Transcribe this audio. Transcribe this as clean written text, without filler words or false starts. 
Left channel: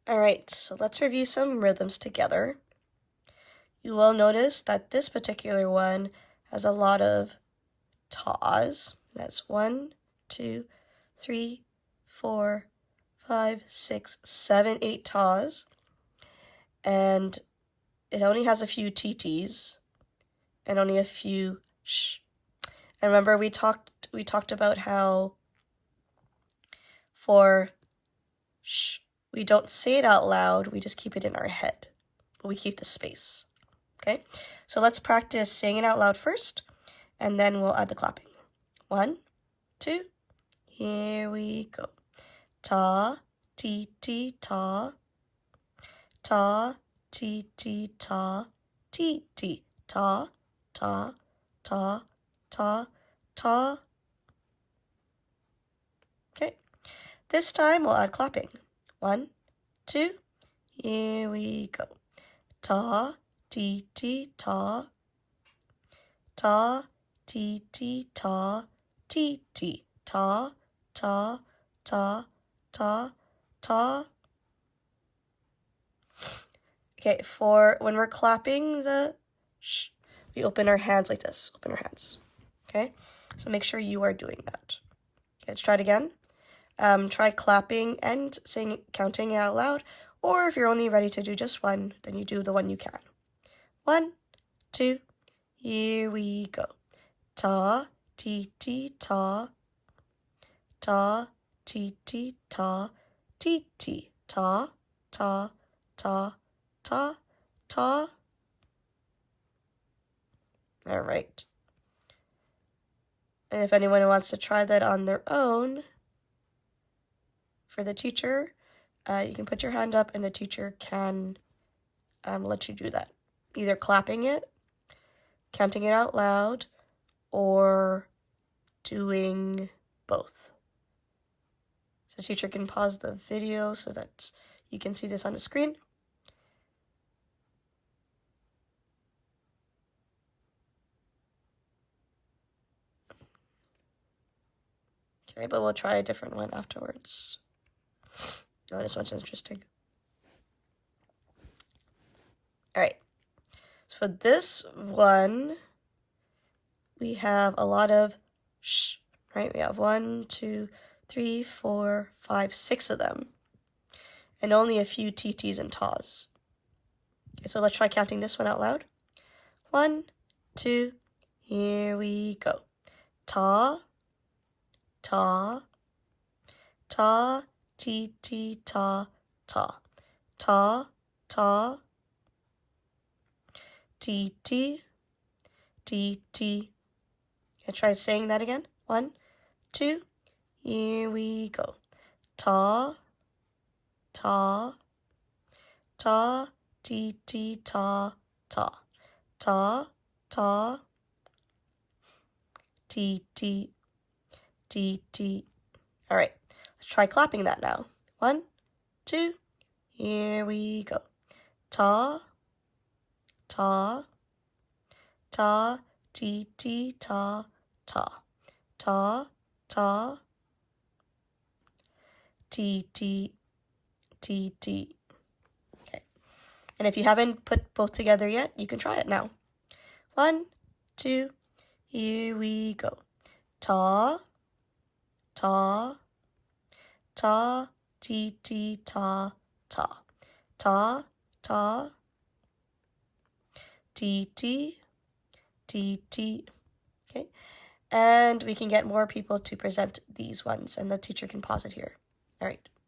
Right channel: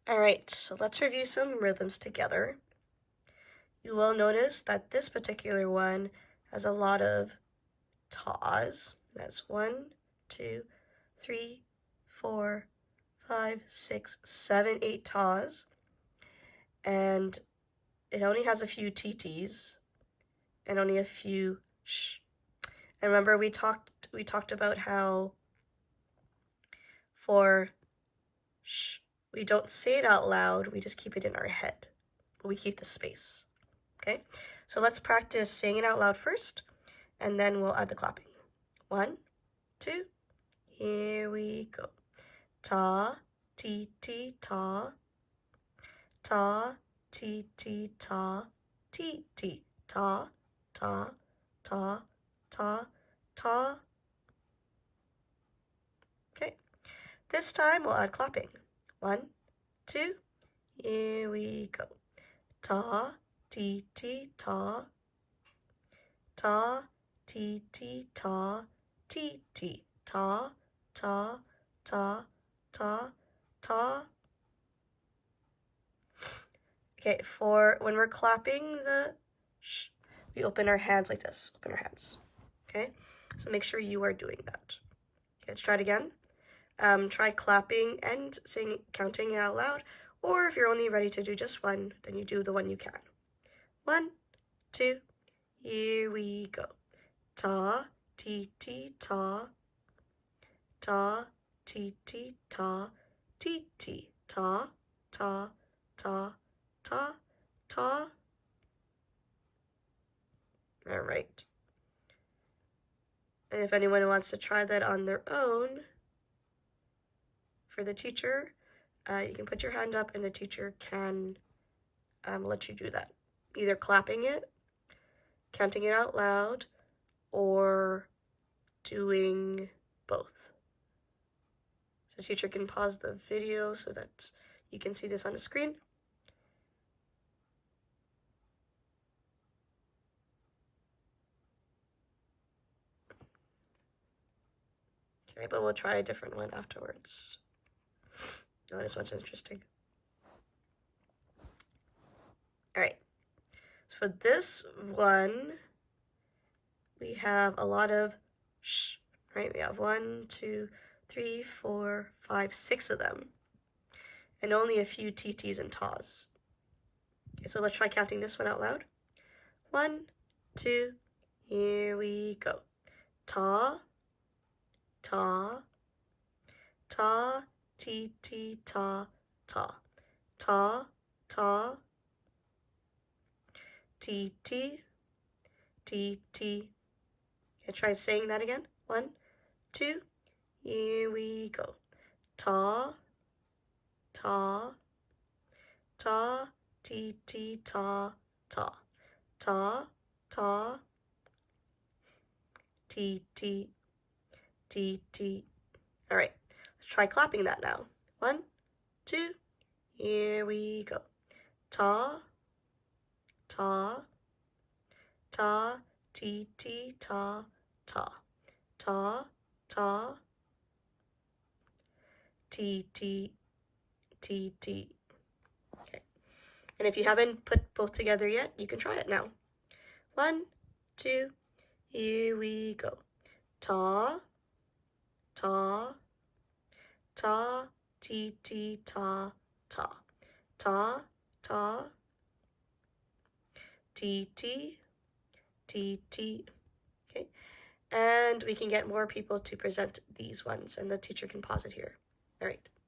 All right, so let's review some rhythms together. You will notice that this particular one has a lot of tas. That's 1, 2, 3, 4, 5, 6, 7, 8 tas. And it only has a few TTs and only a few sh. And remember we talked about how for sh, we don't say it out loud, we just keep it in our head. But we keep the space. Okay? So let's practice saying it out loud first, and then we'll add the clapping. 1, 2, here we go. Ta, ti, ti, ta. Ta, ti, ti, ta. Ti, ti, ta, ta, ta, ta, ta. Okay. This time we'll add clapping. 1, 2, here we go. Ta, ti, ti, ta. Ta, ti, ti, ta. Ti, ti, ta, ta, ta, ta, ta. Okay, for when we're clapping the sh, we open our hands like this. Open our hands. Okay, so make sure you are doing that. Okay, let's try it again. Try clapping and counting it out loud, or if you're only ready to do just one, then you do the one you can. 1, 2, here we go. Ta, ti, ti, ta. Ta, ti, ti, ta. Ti, ti, ta, ta, ta, ta, ta. All right. And if anyone wants to try that on their own, for the teacher, you can put your hand up and the teacher can let you do that. Either clapping it, counting it out loud, or doing both. So the teacher can pause the video so that you can see this on the screen. Okay, but we'll try a different one afterwards. Oh, this one's interesting. All right, so for this one, we have a lot of sh, right? We have 1, 2, 3, 4, 5, 6 of them, and only a few TTs and tas. Okay, so let's try counting this one out loud. 1, 2, here we go. Ta, ta, ta, ti, ti, ta, ta. Ta, ta, ti, ti, ti, ti. Okay, try saying that again. 1, 2, here we go. Ta, ta, ta, ti, ti, ta, ta. Ta, ta, ti, ti, ti, ti. All right, let's try clapping that now. 1, 2, here we go. Ta, ta, ta, ti, ti, ta, ta. Ta, ta, ti, ti, ti, ti. Okay. And if you haven't put both together yet, you can try it now. 1, 2, here we go. Ta, ta, ta, ti, ti, ta, ta. Ta, ta, ti, ti, ti, ti. Okay. And we can get more people to present these ones, and the teacher can pause it here. All right.